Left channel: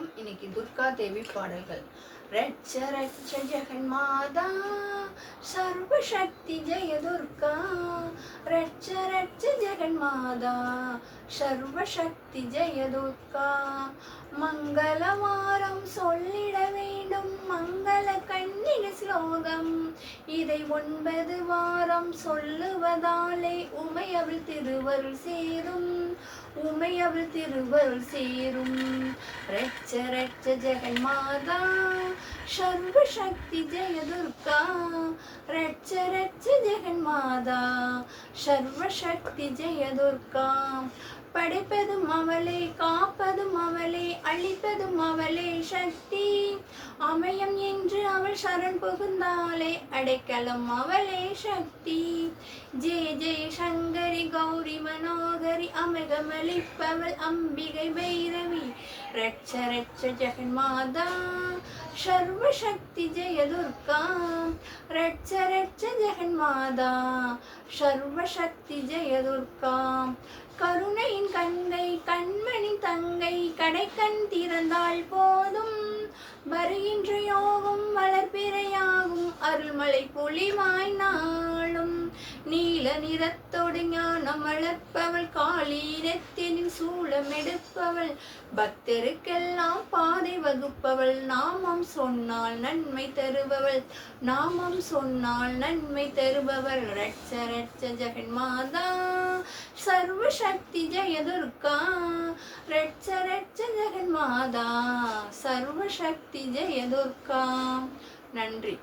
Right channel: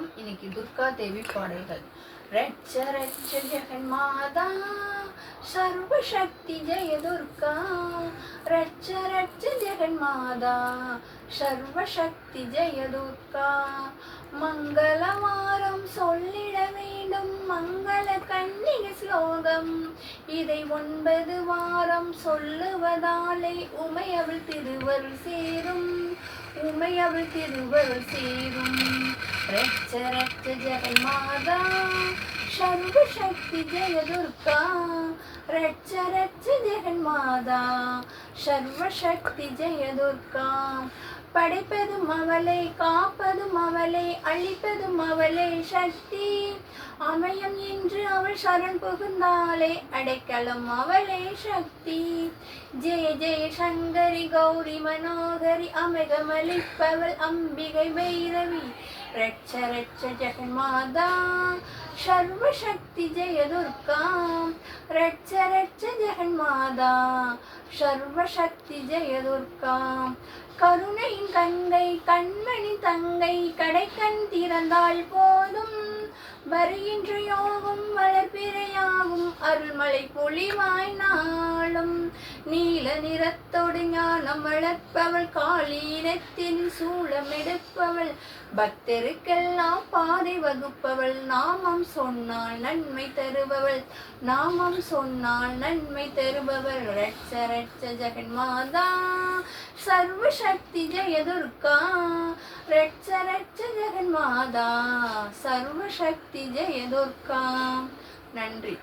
வணக்கம் இன்னைக்கு துர்கா தேவி பாடல்கள். ரட்ச ரட்ச ஜெகன் மாதா சர்வசக்தி ஜெய துர்கா. ரட்ச ரட்ச ஜெகன் மாதா சர்வசக்தி ஜெய துர்கா. மங்களவாரம் சொல்லிடவே ஸ்லோகம் இதை ஒன்பது வாரம் சொல்லுவதாலே உமையவள் திருவருள் சேரும். உமையவள் திருவருள் சேரும். ரட்ச ரட்ச ஜெகமாதா மாதா சர்வசக்தி ஜெய துர்கா ரட்ச ரட்ச ஜெகன் மாதா சர்வசக்தி ஜெய துர்கா படைப்பதும் அவளை காப்பதும் அவளை அழிப்பதும் அவளே சக்தி. அமயம் என்று அவள் சரண் புகுந்தாலே அடைக்கலம் அவளே சக்தி. ஜெய ஜெய சங்கரி கௌரி மனோகரி அமிகமளிப்பவள் அம்பிகை பைரவி. ரட்ச ரட்ச ஜெகன் மாதா சர்வசக்தி ஜெயதுர்காம் ரட்ச ரட்ச ஜெகன் மாதா சர்வசக்தி ஜெயதுர்காம் கருணையின் கங்கை கண்மணி தங்கை கடைக்கண் திறந்தால் போதும். வருகின்ற யோகம் வளர்பிறையாகும் அருள்மலை பொழிவாய் நாளும். நிறத்தோடு ஞானம் வளர்ப்பவள் காலீனத்தின் சூழம் எடுப்பவள். பக்தருக்கெல்லாம் பாதை வகுப்பவள் நாமம் சொன்னால் நன்மை தருபவள். நாமம் சொன்னால் நன்மை தருபவள். ரட்ச ரட்ச ஜெகன் மாதா சர்வசக்தி ஜெயதுர்கா. ரட்ச ரட்ச ஜெகன் மாதா சர்வசக்தி ஜெயதுர்கா. நன்றி.